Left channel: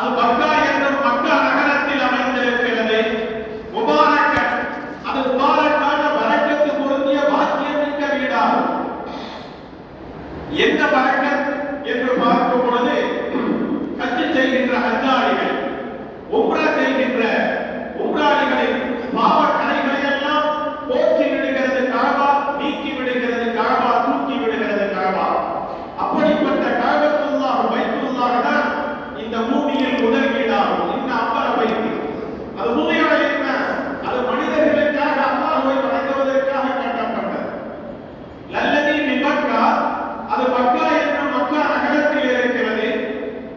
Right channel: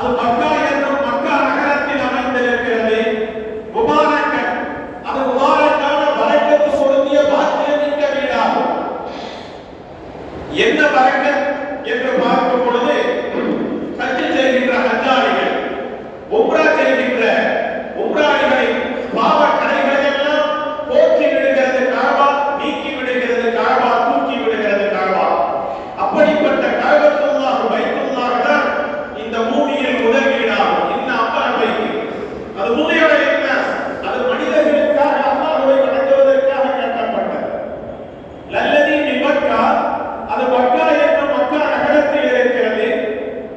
அது மக்கா என்னும் மக்கா நகரத்தில் அமைந்திருக்கிறது. முபாரக்கன், அது முபாரக்கான பரக்கத்து பொருந்திய பாக்கியமிக்க வீடாகும். என்ன பரக்கத் என்று பார்க்கும் பொழுது, ஹஜ் செய்கின்ற ஹஜ்ஜாரிகள், உம்ரா செய்கின்ற உம்ராளிகளின் பாவ கரைகளை எல்லாம் போக்கி விடுகிறது காபா, நீக்கி விடுகிறது காபா, தூக்கி விடுகிறது காபா. அப்படிப்பட்ட காபத்துல்லாஹ் பைத்துல்லாஹ் தான் இந்த பூமியில் முதல் வீடாகும். இந்த அம்மன பைத்து அது பூமியோட என்ன, அது மனிதர்களுக்காக அல்லாஹ்வை வணங்குவதற்காக கட்டப்பட்டது. லல்லதி பிமக்கா, அது மக்கா என்னும் மக்கா நகரத்தில் இருக்கிறது.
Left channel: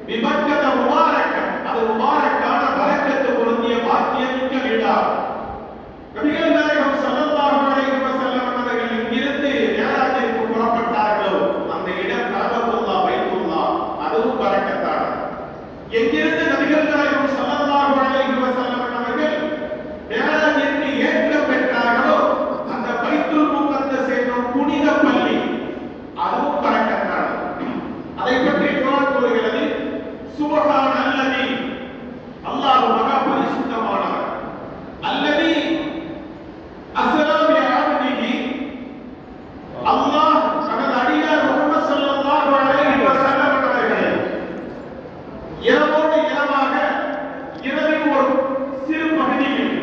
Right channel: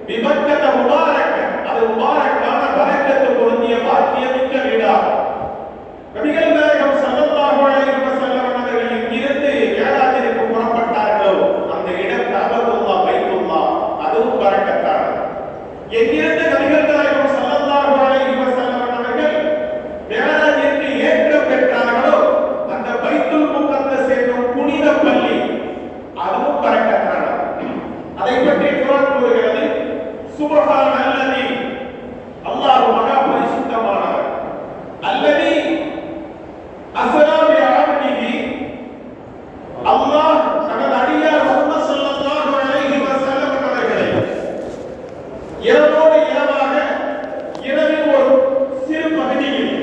பிமக்கத முபாரக்கன், அது முபாரக்கான பரக்கத்து பொருந்திய பாக்கியமிக்க வீடாகும். நபிகள் நாயகம் ஸல்லல்லாஹு அலைஹி வஸல்லம் அவர்கள் இங்கிருந்து மேராஜிற்கு புறப்பட்டார்களோ அந்த இடம் காபத்துல்லாஹ் பைத்துல்லாஹ், அதுவும் பரக்கத்தானது. எங்கிருந்து நபிகள் நாயகம் ஸல்லல்லாஹு அலைஹி வஸல்லம் அவர்கள் மேராஜிற்கு ஏற்றம் பெற்றார்களோ அந்த பைத்துல் முகத்தஸ் என்னும் புனித பள்ளி, அதுவும் பரக்கத்தானது. அதை பற்றி குர்ஆன் கூறுகிறது, சுப்ஹானல்லதி, அல்லாஹ் மகா பரிசுத்தமானவர். அல்லதி அஸ்ரா பி அப்திஹி, அல்லாஹ் தனது அடியார் முஹம்மது ஸல்லல்லாஹு அலைஹி வஸல்லம் அவர்களை இரவோடு இரவாக இரவின் ஒரு சிறு பகுதியில்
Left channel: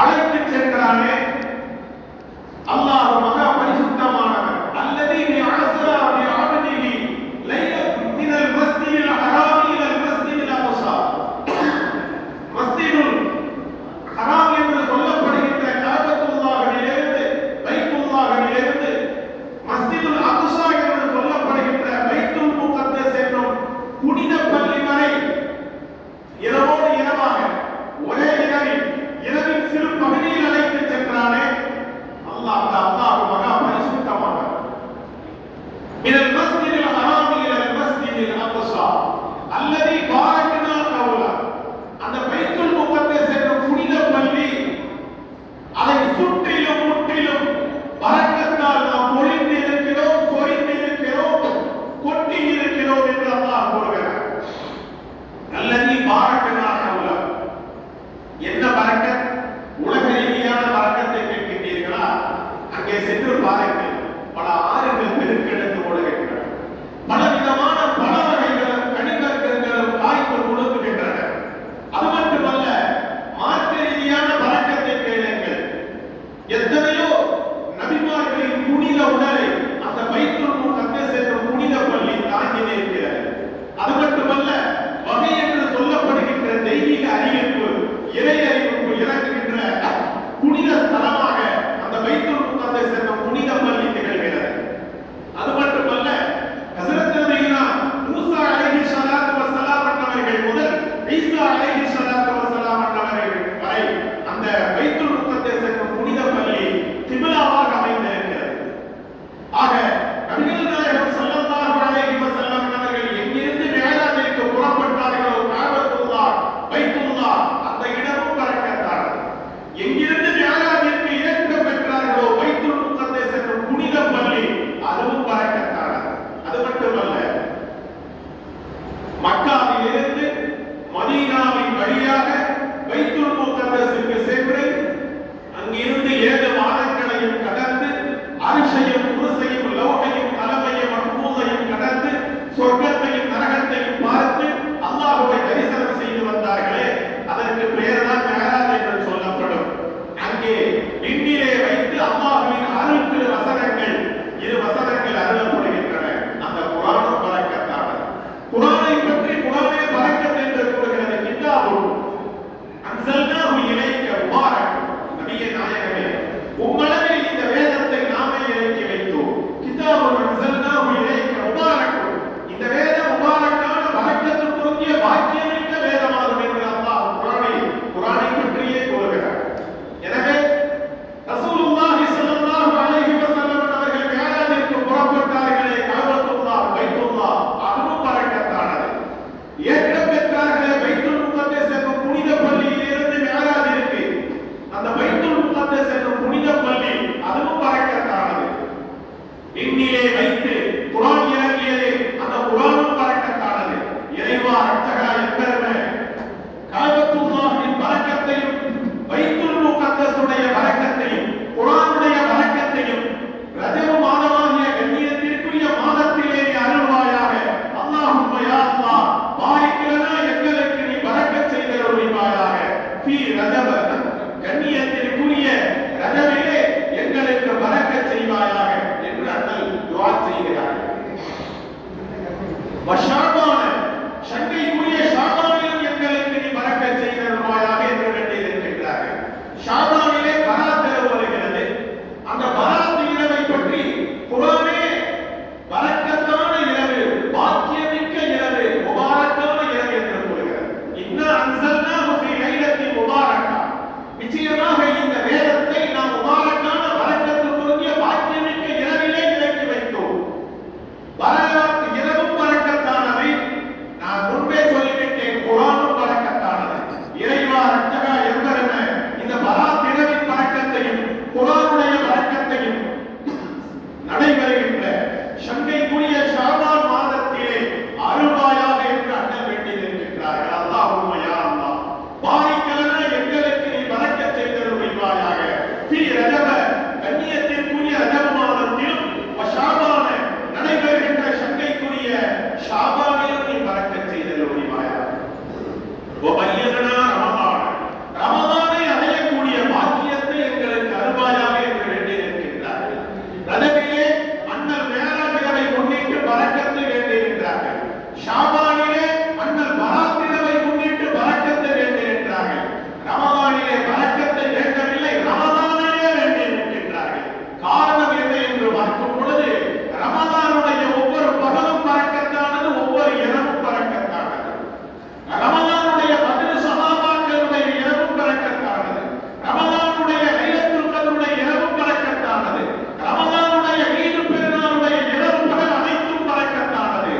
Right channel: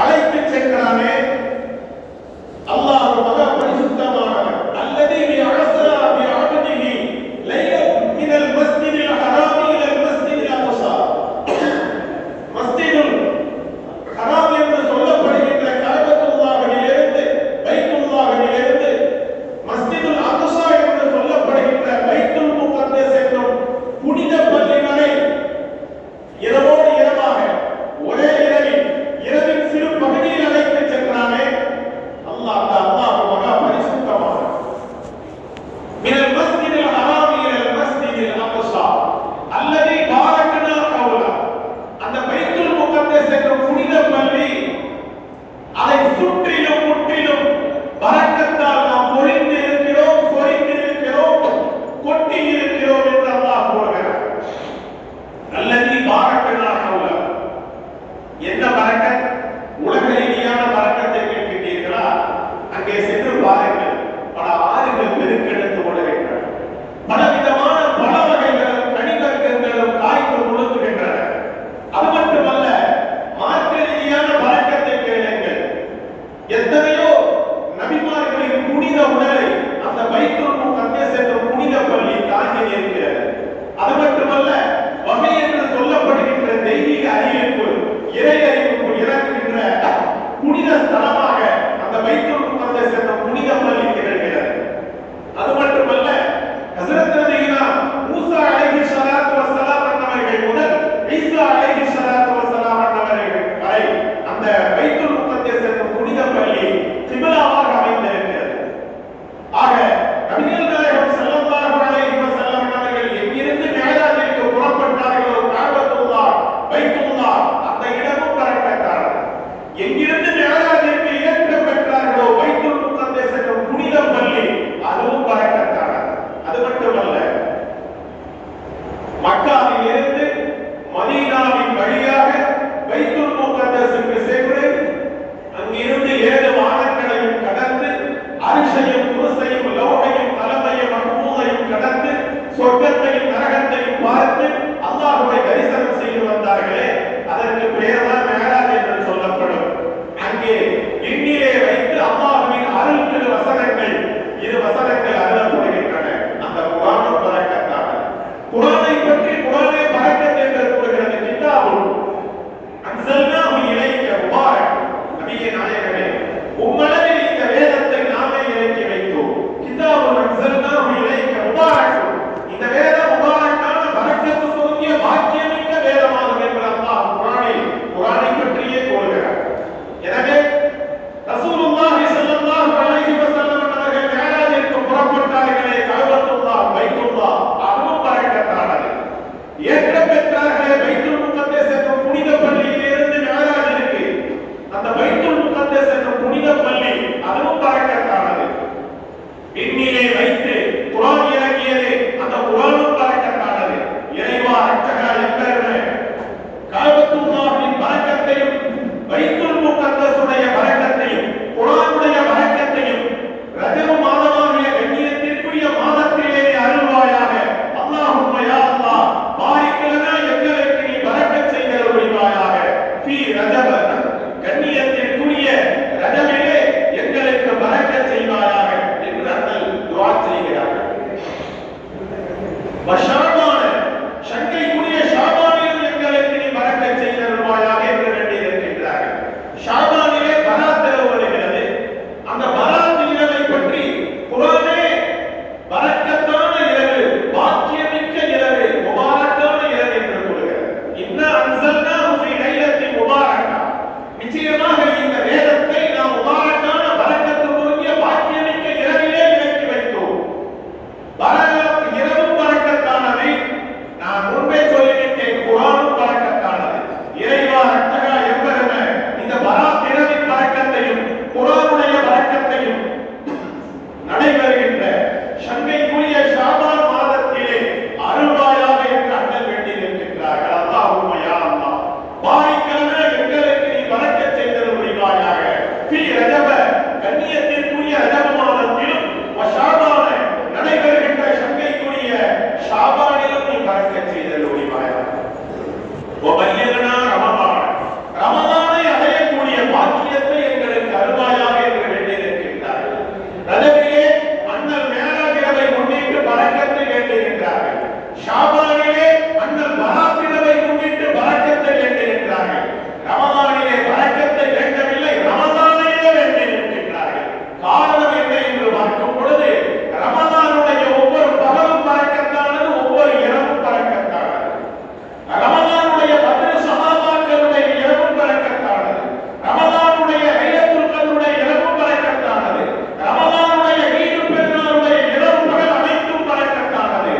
அழைத்து சென்றானே, அல்லாஹ் மகா பரிசுத்தமானவர். அல்லதி அஸ்ரா பி அப்திஹி லைலத் மினல் மஸ்ஜிதில் ஹராமி இலல் மஸ்ஜிதில் அக்ஸா. மஸ்ஜிதுல் ஹராம் என்று சொல்லப்படுகின்ற காபத்துல்லாஹிலிருந்து, பைத்துல்லாஹிலிருந்து மஸ்ஜிதுல் அக்ஸா என்று சொல்லப்படுகின்ற பைத்துல் முகத்தஸ் என்னும் புனித பள்ளி வரை இரவோடு இரவாக ஒரே இரவின் சிறு பகுதியில் அழைத்து சென்றானே, அல்லாஹ் மகா பரிசுத்தமானவர். மினல் மஸ்ஜிதில் ஹராமி இலல் மஸ்ஜிதில் அக்ஸா அல்லதி பாரக்னா ஹவ்லா, அந்த பைத்துல் முகத்தஸ் என்னும் புனித பள்ளி, அதை சுற்றிலும் முற்றிலும் பரக்கத்தால் நாம் பொழிந்திருக்கிறோம், சொரிந்திருக்கிறோம், கொட்டி இருக்கிறோம் என்று அல்லாஹ் கூறுகிறார். அல்லதி பாரக்னா ஹவ்லா, என்ன பரக்கத்? உலக ரீதியான பரக்கத்தை கேட்கிறீர்களா? அங்கே சென்று பாருங்கள், பல ஆறுகள் பெருக்கெடுத்து ஓடுகின்றன, பலவிதமான பல வகைகளும் கனிவர்க்கங்களும் காய்கள் முழுங்குகின்றன. அது மட்டுமல்ல, மார்க்க ரீதியான பரக்கத்தை கேளுங்கள். எத்தனையோ நபிமார்களின் புனித உடலை அந்த பைத்துல் முகத்தஸ் என்னும் புனித பள்ளி தாங்கி நிற்கிறது. அது மட்டுமல்ல, வகை என்று சொல்லப்படுகின்ற தெய்வீக அறிவிப்பு, இறை அறிவிப்பு இறங்குகின்ற புனித ஸ்தலமாக அந்த பைத்துல் முகத்தஸ் என்னும் புனித பள்ளி திகழ்கிறது. அது மட்டுமல்ல, ஹஜ்ரத் நபினா மூசா அலைஹிஸ்ஸலாத்து வஸ்ஸலாம் அவர்கள் முதல் ஈசா அலைஹிஸ்ஸலாத்து வஸ்ஸலாம் அவர்கள் வரை அந்த பைத்துல் முகத்தஸ் என்னும் புனித பள்ளி கிப்லாவாக அமைந்திருக்கிறது. ஆக நபிகள் நாயகம் ஸல்லல்லாஹு அலைஹி வஸல்லம் அவர்கள் எங்கிருந்து மேராஜிற்கு புறப்பட்டார்களோ காபத்துல்லாஹ் பைத்துல்லாஹ், அந்த இடமும் பரக்கத்தானது. எங்கிருந்து மேராஜிற்கு ஏற்றம் பெற்றார்களோ பைத்துல் முகத்தஸ் என்னும் புனித பள்ளி, அதுவும் பரக்கத்தானது. அது மட்டுமல்ல, மக்காவிலிருந்து மதீனாவின் வழியாக பைத்துல் முகத்தஸுக்கு சென்று அங்கிருந்து 7 வானங்களையும் கடந்து அரிஷையும் குர்சியையும் லௌஹையும் கலமையும் மஹ்பூதையும் கடந்து சொர்க்கத்தையும் நரகத்தையும் பார்த்து அல்லாஹ்வை தரிசனம் செய்து வந்தார்களே, அதற்கு பெயர்தான் மேராஜ் என்று சொல்லப்படும். அங்கே விண்ணிலே வைத்து அல்லாஹ்வின் அருள் திரு வசனங்கள், 2 வசனங்கள் அருளப்படுகின்றன. அந்த குர்ஆனும் பரக்கத்தானது. குர்ஆனை பற்றி குர்ஆனே பரக்கத் என்று கூறுகிறது. கிதாபுன் அன்ஸல்னாஹு இலைக்க முபாரக், நபியே நாயகமே, உம்மளவில் இந்த வேதத்தை நாமே இறக்கி வைத்தோம். கிதாபுன் அன்ஸல்னாஹு இலைக்க முபாரக், இந்த வேதம் முபாரக்கான பரக்கத்து பொருந்திய பாக்கியமிக்க வேதமாகும் என்று அல்லாஹ் குர்ஆனை பற்றியே கூறுகிறார். எனவே வஷாபான சங்கைக்குரிய ஷாபானிலும் எங்களுக்கு நீ பரக்கத் செய்தருள்வாயாக என்று வேண்டியிருக்கின்றார்கள். ஷாபானிலே பராத் இரவு வருகிறது. அந்த பராத் இரவை பற்றி குர்ஆனே பரக்கத்தான இரவு, பாக்கியமிக்க இரவு, முபாரக்கான இரவு என்று கூறுகிறது. இன்னா அன்ஸல்னாஹு ஃபீ லைலத்தின் முபாரக்கா, நிச்சயமாக இந்த வேதத்தை நாம் முபாரக்கான பரக்கத்துக்குரிய பாக்கியமிக்க இரவிலே இறக்கி வைத்தோம். பரக்கத் இரவும் பரக்கத்தானது. நான் முன்பே சொல்லிவிட்டேன், குர்ஆனும் பரக்கத்தானது. இறைவா ரட்சகா எம்பெருமே, இந்த பராத் இரவின் பரக்கத்தையும் குர்ஆனுடைய பரக்கத்தையும் நடைபெறுகின்ற சங்கைக்குரிய ஷாபான் மாதத்திலே அருள்வாயாக என்று அண்ணல் வேண்டியிருக்கின்றார்கள். அல்லாஹும்ம யா அல்லாஹ் பாரிக்கலனா, எங்களுக்கு நீ பரக்கத் செய்தருள்வாயாக. ஃபீ ரஜப, கண்ணியத்திற்குரிய ரஜப மாதத்திலும் வஷாபான நடைபெறுகின்ற சங்கைக்குரிய ஷாபானிலும் நீ பரக்கத் செய்தருள்வாயாக. வபல்லிக்னா ரமலான், ரமலானை அடையக்கூடிய பாக்கியத்தை எங்களுக்கு அருள்வாயாக என்று வேண்டியிருக்கின்றார்கள். ரஜபிலே அண்ணல் மேராஜ் இரவை முன்னிட்டு பரக்கத்தை வேண்டியிருக்கிறார்கள். ஷாபானிலே அண்ணல் பராத் இரவை முன்னிட்டு பரக்கத்தை வேண்டியிருக்கிறார்கள். ரமலானிலே பரக்கத்தை வேண்டவில்லை, ரமலானிலே வேண்டியிருக்கின்றார்கள். காரணம் என்ன என்று பார்க்கும் பொழுது, ரமலானுடைய ஒவ்வொரு பகலும் பரக்கத்தானது, ஒவ்வொரு இரவும் பரக்கத்தானது. ரமலானுடைய பத்ர் சஹாபாக்களுடைய இரவும் பரக்கத்தானது. ரமலானுடைய லைலத்துல் கத்ருடைய இரவும் பரக்கத்தானது. ரமலானுடைய ஈத் பெருநாளுடைய இரவு பகல் அனைத்தும் பரக்கத்தானது.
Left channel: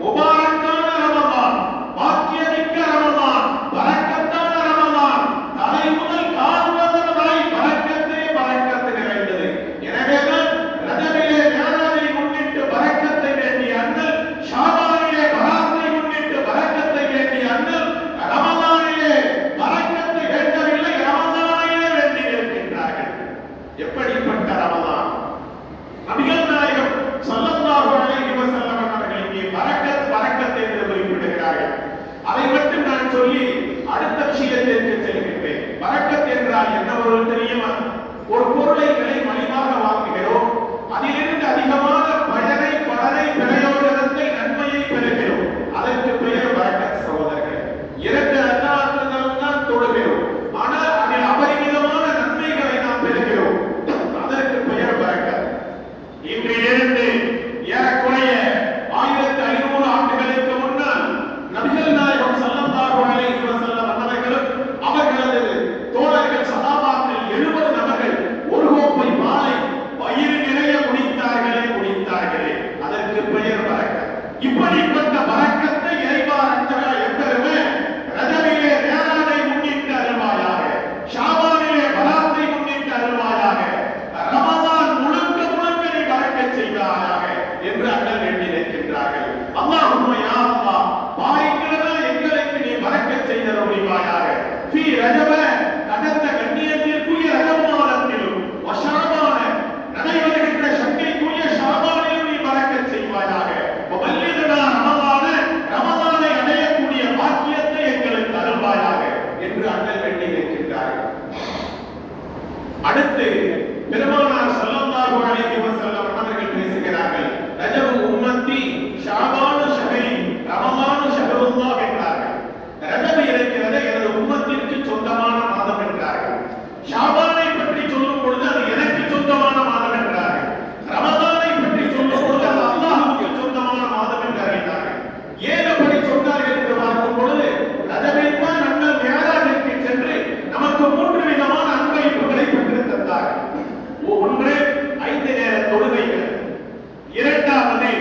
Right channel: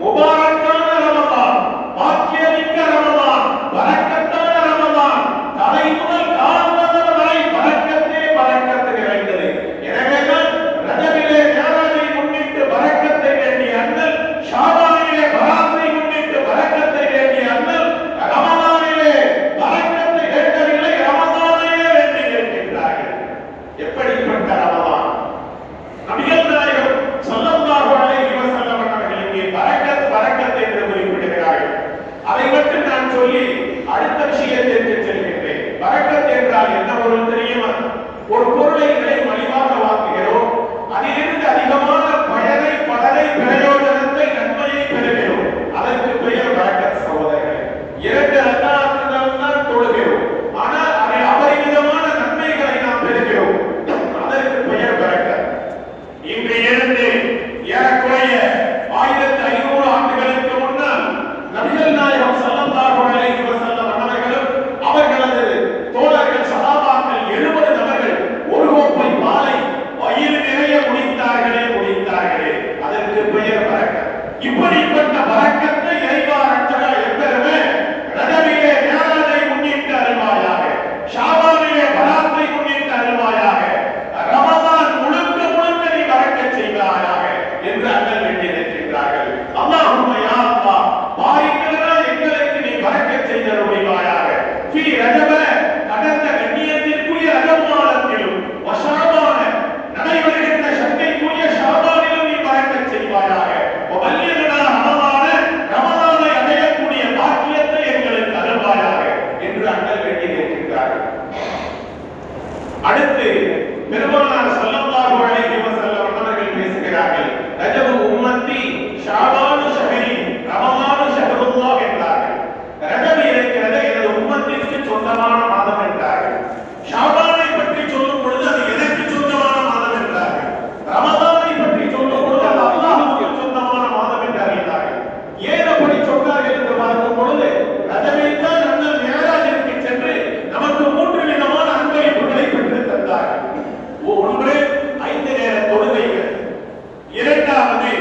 முபாரக்கான ரமலான், பாக்கியமிக்க ரமலான், பரக்கத்தான ரமலான், தலை முதல் கால் வரை பரக்கத்தே பரக்கத்து நிறைந்தது. எனவேதான் ரஜபிலே மேராஜை முன்னிட்டு பரக்கத்தை வேண்டிய அண்ணல், ஷாபானிலே பராத்தை முன்னிட்டு பரக்கத்தை வேண்டிய அண்ணல், ரமலானிலே பரக்கத்தை வேண்டவில்லை, ரமலானையே வேண்டியிருக்கின்றார்கள். எப்படிப்பட்ட ரமலான்! நபிகள் நாயகம் ஸல்லல்லாஹு அலைஹி வஸல்லம் அவர்களுக்கு பரக்கத் பரக்கத் என்று குறிப்பிடுகிறார்கள். அதை மட்டும் நான் சொல்லி அடுத்த விஷயத்திற்கு செல்கின்றேன். பரக்கத் என்றால் என்ன பொருள் தெரியுமா? ஒரு பொருளை விலை மலிவாக வாங்குகிறோம், அதிலிருந்து அதிகமான பயனை, பலனை, பிரயோஜனத்தை, நன்மையை பெறுகிறோம். அதற்கு பெயர் பரக்கத் சகோதரர்களே. 2 ரக்காத்துகள் தான் தொழுகிறோம், ஆனால் அதில் அபரிமிதமான நன்மைகளை நாம் பெறுகிறோம். அதற்கு பெயர் பரக்கத். இன்று இருந்து ஏறக்குறைய 1500 ஆண்டுகளுக்கு முன்னால் நபிகள் நாயகம் ஸல்லல்லாஹு அலைஹி வஸல்லம் அவர்களும் அவர்களது தோழர்கள் சஹாபாக்கள் 70 நபர்கள் ஒரு கோப்பை பாலை வயிறு நிறைய குடித்தார்களே. அதற்கு பெயர் பரக்கத். இப்படிப்பட்ட பரக்கத்தை இறைவா ரட்சகா எம்பெருமே ரஜபிலே மேராஜை முன்னிட்டு அருள்வாயாக, ஷாபானிலே பராத்தை முன்னிட்டு அருள்வாயாக, ரமலான் முழுக்க முழுக்க நீ பரக்கத் செய்வாயாக என்று அண்ணல் வேண்டியிருக்கிறார்கள். அல்லாஹும்ம யா அல்லாஹ் பாரிக்கலனா, எங்களுக்கு நீ பரக்கத் செய்தருள்வாயாக. ஃபீ ரஜப, கடந்த கண்ணியத்திற்குரிய ரஜப் மாதத்திலும் வஷாபான நடைபெறுகின்ற சங்கைக்குரிய ஷாபானிலும் நீ பரக்கத் செய்வாயாக. வபல்லிக்னா ரமலான, ரமலானை அடையக்கூடிய பாக்கியத்தை எங்களுக்கு அருள்வாயாக என்று அண்ணல் வேண்டியிருக்கிறார்கள். அடுத்து பெருமானார் ஸல்லல்லாஹு அலைஹி வஸல்லம் அவர்கள் பேசுகிறார்கள். ரஜபு உம்மத்தி ஷாபானு ஷஹரி ரமலானு ஷஹருல்லாஹ் என்றார்கள். ரஜப் இருக்கிறது எனது உம்மத்திற்கு சொந்தமான மாதம் என்றார்கள். ஷாபானை பற்றி சொல்லும் பொழுது அது எனக்கு சொந்தமான மாதம் என்றார்கள். ரமலானை பற்றி சொல்லும் பொழுது அது அல்லாஹ்வுக்கு சொந்தமான மாதம் என்று அறிந்தார்கள். ஏன் அப்படி சொன்னார்கள் என்று பார்க்கும் பொழுது, ரஜபில் தான் அண்ணல் மேராஜிற்கு சென்று நமக்கு 3 விதமான அன்பளிப்புகளை பெற்று தந்தார்கள். ஒன்று 5 நேர தொழுகைகள், இரண்டாவது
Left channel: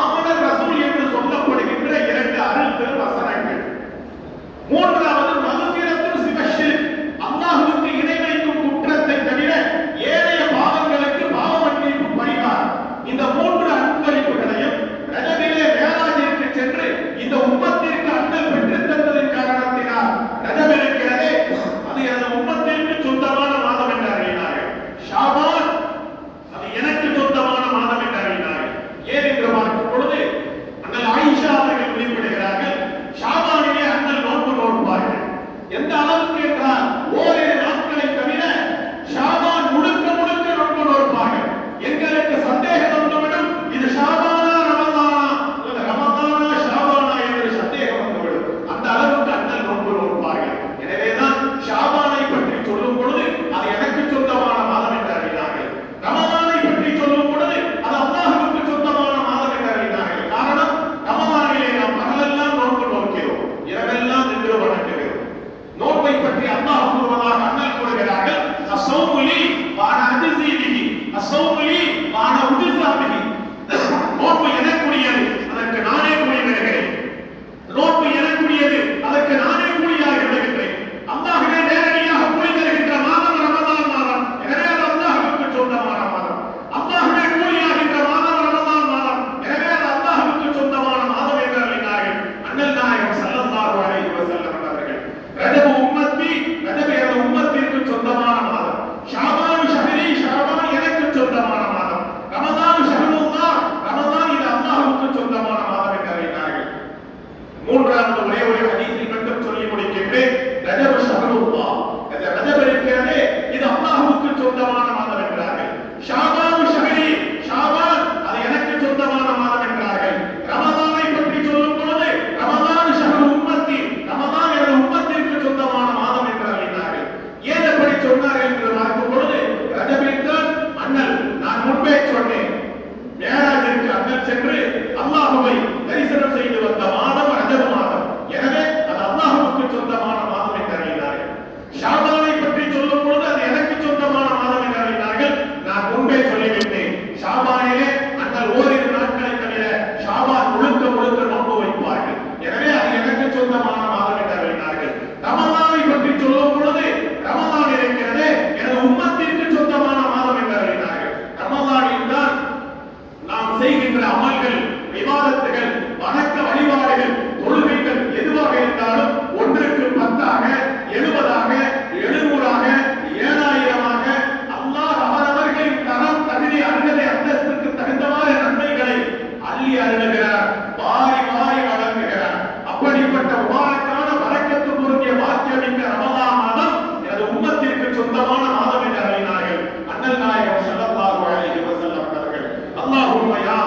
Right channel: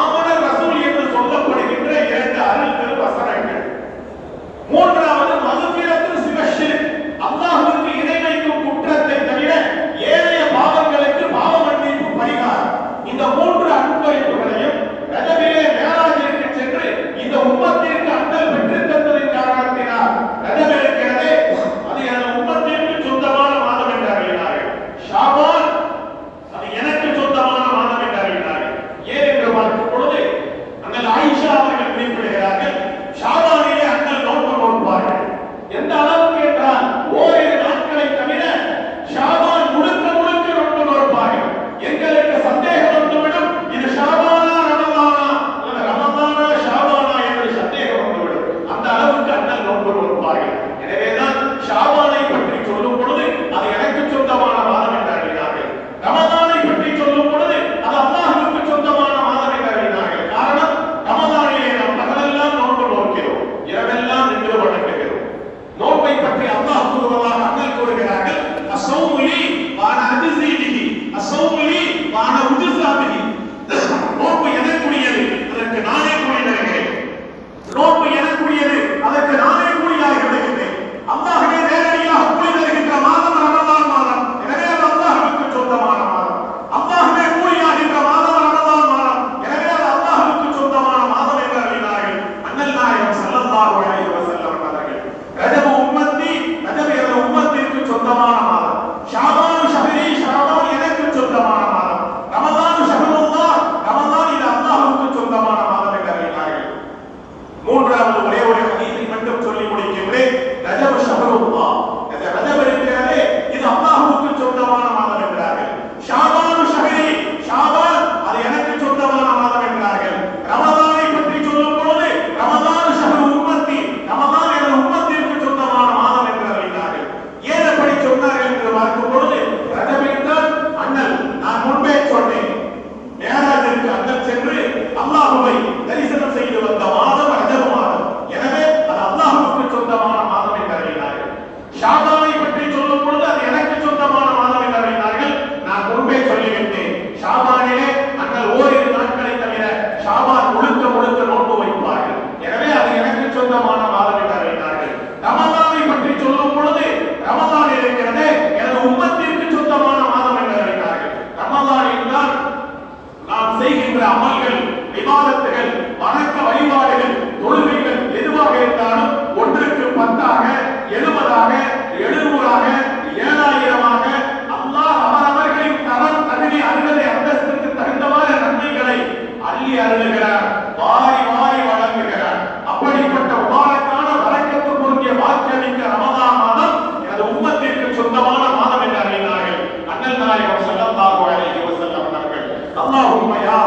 ஆமனர் ரசூல் என்று சொல்லப்படுகின்ற 2 அருள் திருவசனங்கள், மூன்றாவது மகுஃபிரத்து சிவஷிர்க், அல்லாஹ்வுக்கு இணை வைக்கும் குற்றத்தை தவிர ஏனைய பாவங்களுக்கு பாவ மன்னிப்பு பரிகாரம். இந்த 3 அன்பளிப்புகளையும் ரஜபிலே மேராஜிற்கு சென்று இந்த உம்மத்திற்கு அண்ணல் பெற்று தந்ததின் காரணத்தினால் ரஜப் இருக்கிறதே அது எனது உம்மத்திற்கு சொந்தமான மாதம் என்று அறிவினார்கள். ஷாபான் அது எனக்கு சொந்தமான மாதம் என்று அறிவினார்கள். ஏன் என்று பார்க்கும் பொழுது அண்ணல் ஆயிஷா அவர்கள் குறிப்பிடுகிறார்கள், ஷாபானிலே அண்ணல் நோன்பு நோற்பார்கள். எந்த அளவுக்கு என்றால் ஓரிரு நாட்களை தவிர ஷாபான் முழுக்க முழுக்க நோன்பு நோற்பார்கள். எங்களுக்கு சந்தேகம் வந்துவிடும், இது ஷாபானா ரமலானா அல்லது ரமலானா மூன்றாவது ஒரே ஒரு ஹதீஸை மட்டும் சொல்லி முடிக்கின்றேன். ரஜபு ஷஹ்ருல்லாஹ், இந்த ரஜப் இருக்கிறதே இது அல்லாஹ்வுக்கு சொந்தமான மாதம் என்றார்கள். ஷாபானு ஷஹ்ரி, ஷாபான் அது எனக்கு சொந்தமான மாதம் என்றார்கள். ரமலானை பற்றி சொல்லும் பொழுது ரமலான் ஷஹ்ரு உம்மத்தி, ரமலான் எனது உம்மத்திற்கு சொந்தமான மாதம் என்று அறிந்தார்கள். ஏன் அப்படி சொன்னார்கள் என்று பார்க்கும் பொழுது ரஜபிற்கு அண்ணல் நான் முன்பே சொன்னேன், மேராஜிற்கு அண்ணல் சென்று அல்லாஹ்வை தரிசனம் செய்து வந்த மாதம் ரஜபு மாதம். எனவே அது அல்லாஹ்வுக்கு சொந்தமான மாதம் என்று அறிந்தார்கள். ஷாபானை பற்றி சொல்லும் பொழுது அது எனக்கு சொந்தமான மாதம் என்று அறிந்தார்கள். நான் முன்பே சொல்லிவிட்டேன், ஷாபானிலே அண்ணல் ஓரிரு நாட்களை தவிர ஷாபான் முழுக்க முழுக்க நோன்பு வைப்பார்கள். எனவே அது எனக்கு சொந்தமான மாதம் என்று அறிந்தார்கள். ரமலானை பற்றி சொல்லும் பொழுது ரமலான் இருக்கிறதே எனது உம்மத்திற்கு சொந்தமான மாதம் என்று அறிந்தார்கள். ரமலானில் தான் நாம் செய்கின்ற அமல்கள், விவாதத்துகள், வணக்க வழிபாடுகள், தொழுகைகள் எதுவாக இருந்தாலும் ஒன்றுக்கு 10ஆக, 70ஆக, 700ஆக, 7000ஆக அல்லாஹ் அவரவர்களின் தரம், தகுதி, அருகதை, அந்தஸ்திற்கு தகுந்தவாறு நன்மைகளை அள்ளி அருளுகிறார், வாரி வாரி வழங்குகிறார். அப்படிப்பட்ட உபாரக்கான வரக்கத்து பொருந்திய வாக்கியமிக்க ரமலான் மாதம் எனது உம்மத்திற்கு சொந்தமான மாதம் என்று அறிந்தார்கள். அண்ணல் நாயகம் ஸல்லல்லாஹு அலைஹி வஸல்லம் அவர்கள் அல்லாஹும்ம யா